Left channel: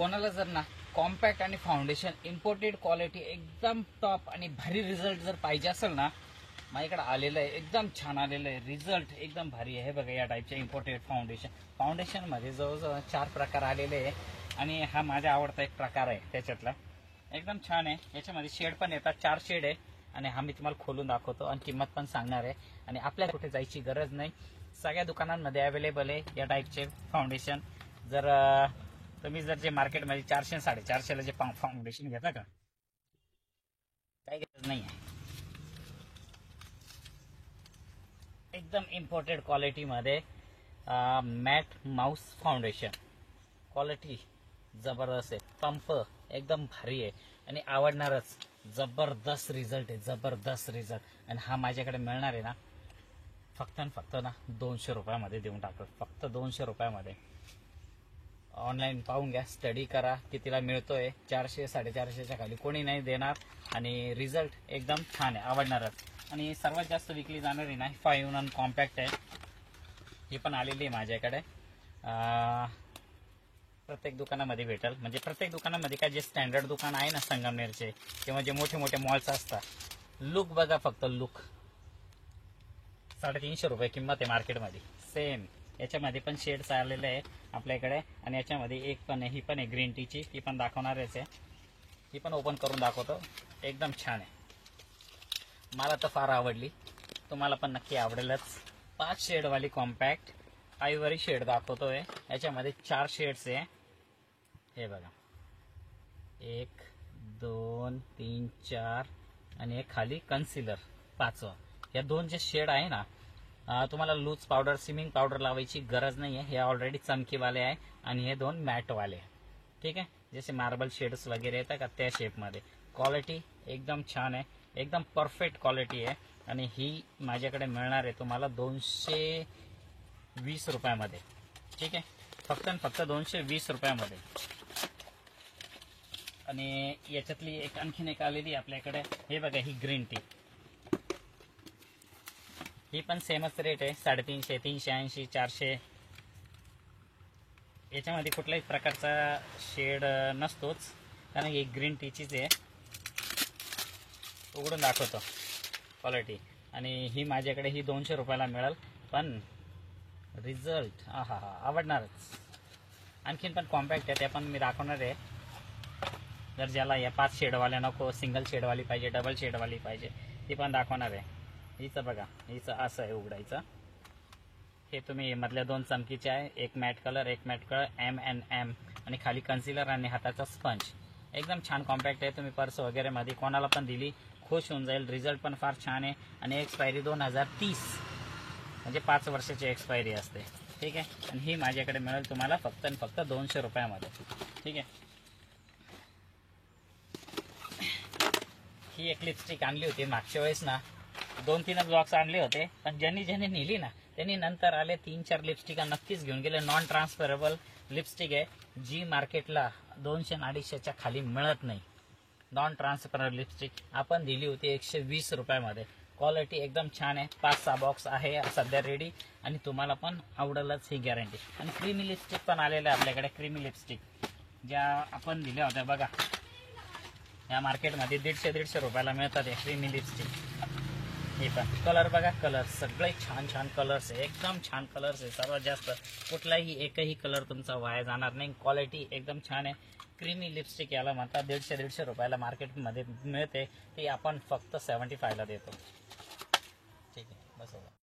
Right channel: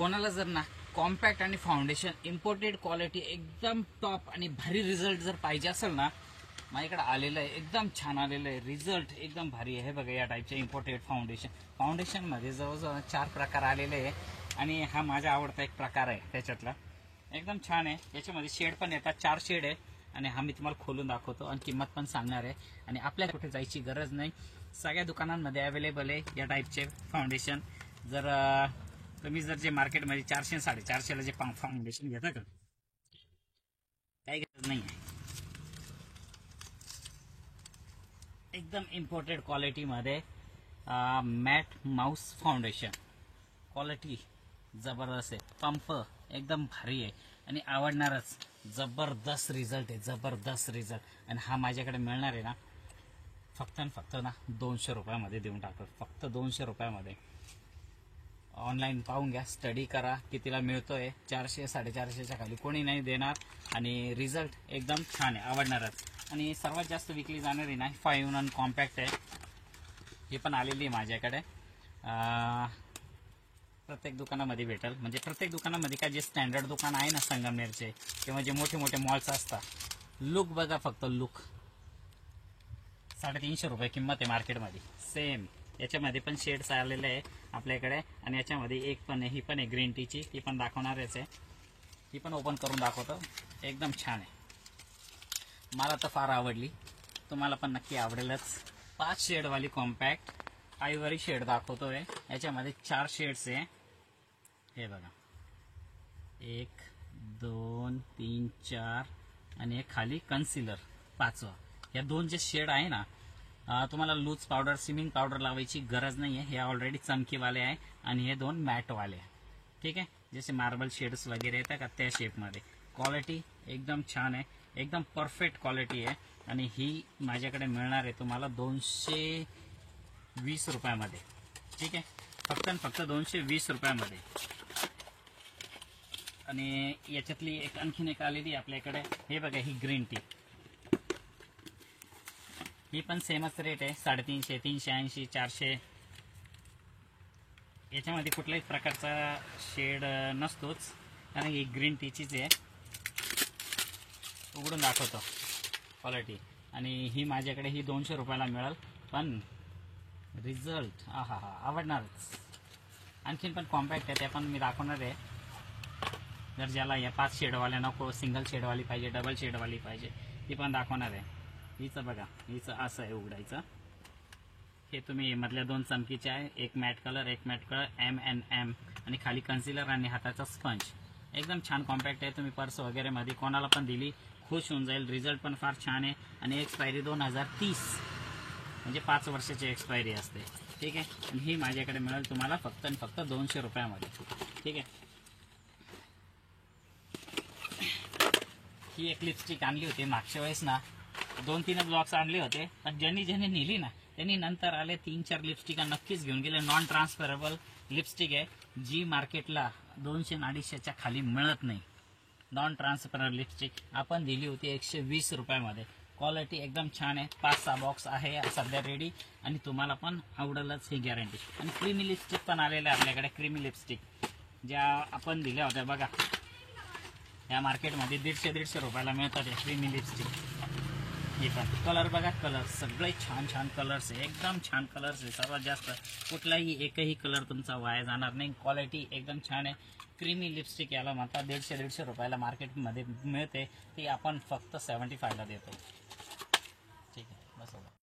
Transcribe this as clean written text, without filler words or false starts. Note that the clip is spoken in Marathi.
कोणाला जर ना कॉम्पॅक्ट आणि फाउंडेशन इम्पोर्टेड क्वालिटी एकदम टॉप आणि भारी रिझल्ट जर पाहिजे असेल ना, माझ्याकडे आलेलं आहे, एकदम छान आलेलं आहे, रिझल्ट एकदम भारी आहे. हे बघा या टाईपचे इम्पोर्टेड फाउंडेशनमध्ये जवळजवळ 4 प्रकार आलेले आहे आणि हा माझा आवडता एक प्रकार आहे त्याच्यातला. एकदम छान आहे. याच्यामध्ये शेड पण येतात, 4 शेड आहे आणि हा मी तुम्हाला खोलून दाखवतो आणि किंमत पण सांगणार आहे. आणि आपल्याला कुठे जायची गरज नाही, सगळ्या दुकानांमध्ये अवेलेबल आहे या टाईपचे फाउंडेशन. जर तुम्ही जर जे मार्केटमध्ये 400-450ला जे फाउंडेशन घेता का, काही गरज नाही आहे. एकदम इम्पोर्टेड क्वालिटीमध्ये मॅट माउस फाउंडेशन, क्वालिटी जबरदस्त आहे, पंप एकदम भारी आहे आणि आवडणारच. जबरदस्त रिझल्ट आहे, जबरदस्त रिझल्ट. आणि हा माझ्याकडे मिळणार आहे ना फक्त आणि फक्त ना 200 रुपयामध्ये देऊन टाकतो, फक्त 200 रुपयामध्ये. ऑनलाईन पाहून घ्या, स्टडी करा कितीला मिळतोय. 400-450च्या खाली कोणी नाही देणार आणि रिझल्ट एकदम छान आहे, आवडणारच. आणि सर्वात जास्त विकली जाणारी ना 5-in-1 कॉम्पॅक्ट आहे, ही पण आलेली आहे माझ्याकडे. प्रत्येक दुकानामध्ये भेटेल, म्हणजे प्रत्येक दुकानामध्ये का जे स्टँडर्ड दुकान आहे ना संगमनेरचे किंवा जे मोठे मोठे मॉल्स असतात, लुक बघा फक्त लुक. 350 रुपये किंमत आहे मार्केटमध्ये. सेम याच्यामध्ये पण शेड्स आलेले आहे आपल्याकडे आणि याच्यामध्ये एक पण आहे, ही पण आहे ग्रीन टीची, ती पण दाखवणारच आहे. ही पण ओपन करून दाखवतो, एकदम छान आहे. मला तर फार आवडली, तुम्हाला पण नक्की आवडेलच. 5 शेडवाली कॉम्पॅक्ट आयव्हरी शेड दाखवतोय. याच्यामध्ये 4 शेड्स आहे, हे बघा 1 2 3 4 आणि एक खाली कन्सिलर 5वा. या 2 जे शेड आहे ना, तुम्हाला लूज पावडर स्विमिंग पावडर लावायची गरज नाही आहे. हे ऑलरेडी चमकीवाले आहे आणि हे 2 मॅटवाले आहे. ठीक आहे, जसे मार्बल शेड्स वगैरे येतात का त्या शेपमध्ये. क्वालिटी एकदम छान आहे, एकदम परफेक्ट क्वालिटी आहे. आणि ही माझ्याकडे मिळणार आहे तुम्हाला 220 रुपयामध्ये. ठीक आहे, फक्त आणि फक्त 220 रुपयामध्ये. आणि याच्यातली एक आणखीन एक आलेली आपल्याकडे, हे बघा ही ग्रीन टी, ही पण सेमच रेट आहे, 350, 380, 400. याच्यामध्ये कुठल्याही प्रकारचा शेड नसतोच, कारण ही ग्रीन टीचीच आहे. उघडून दाखवतो क्वालिटी. आणि ही माझ्याकडे ही 200 रुपयाला मिळेल, पण रिझल्ट आवडणारच. आणखीन पण कॉम्पॅक्ट आहे, त्या पण मी दाखवणार आहे. जर ज्याला या 5 शेडवाल्या नको, सिंगल शेडवाली पाहिजे, डबल शेडवाली पाहिजे, ती पण दाखवणार आहे. हिचं बघा, हिचं असं आहे उघडायचं. हे तुम्ही मधल्या 2 चमकीचे आहे, एक मॅट कलर M&M आणि खाली कन्सिलर आणि हाताचा स्पंज. एकदम छान कॉम्पॅक्ट आहे. तुम्ही पर्स वगैरे मध्ये कोणाला पण दिली खुश होऊन जाईल. रिझल्ट पण फार छान आहे आणि एक्सपायरी 2030, म्हणजे 5 वर्षाची एक्सपायरी असते. ठीक आहे, आणि ही माझ्याकडे मिळेल तुम्हाला फक्त आणि फक्त 200 रुपयामध्ये. ठीक आहे, ही एक लिपस्टिक आणली होती मागच्या वेळेस ना, 2-3 बॉक्स आणले होते, पण ज्यांनी नेली ना त्यांनी नंतर आले 3-4 लिपस्टिका नक्कीच घेऊन गेले. नॉन ट्रान्सफरेबल लिपस्टिक आहे, जी मार्केटला 200-250च्या खाली मिळत नाही. नॉन ट्रान्सफरेबल लिपस्टिक आपण दिली होती 120 रुपयामध्ये. क्वालिटी एकदम छान आहे. 5-6 बॉक्स आहे सध्या रेडी आणि तुम्हाला पण आवडेलच ही गॅरंटी. आणि क्रीमी लिपस्टिक पण आलेलं आहे आपल्याकडे. क्रीमी लिपस्टिक ज्या आपण दिल्या होत्या बघा, या मार्केटमध्ये 150-150 रुपयाला मिळतात या क्रीमी लिपस्टिक. हे पण कलर बघा, कलर सगळे छान छान कलर्स आहे, एकदम छान कलर्स आहे. सर्वात जास्त कुठलाही एकही कलर तुमचा वाया जाणार नाही. क्वालिटी एकदम छान आहे. क्रीमी लिपस्टिक याला म्हणतात. 150-150 रुपयाला मार्केटमध्ये मिळते, ती आपण फक्त 75ला देतो. ठीक आहे, बस.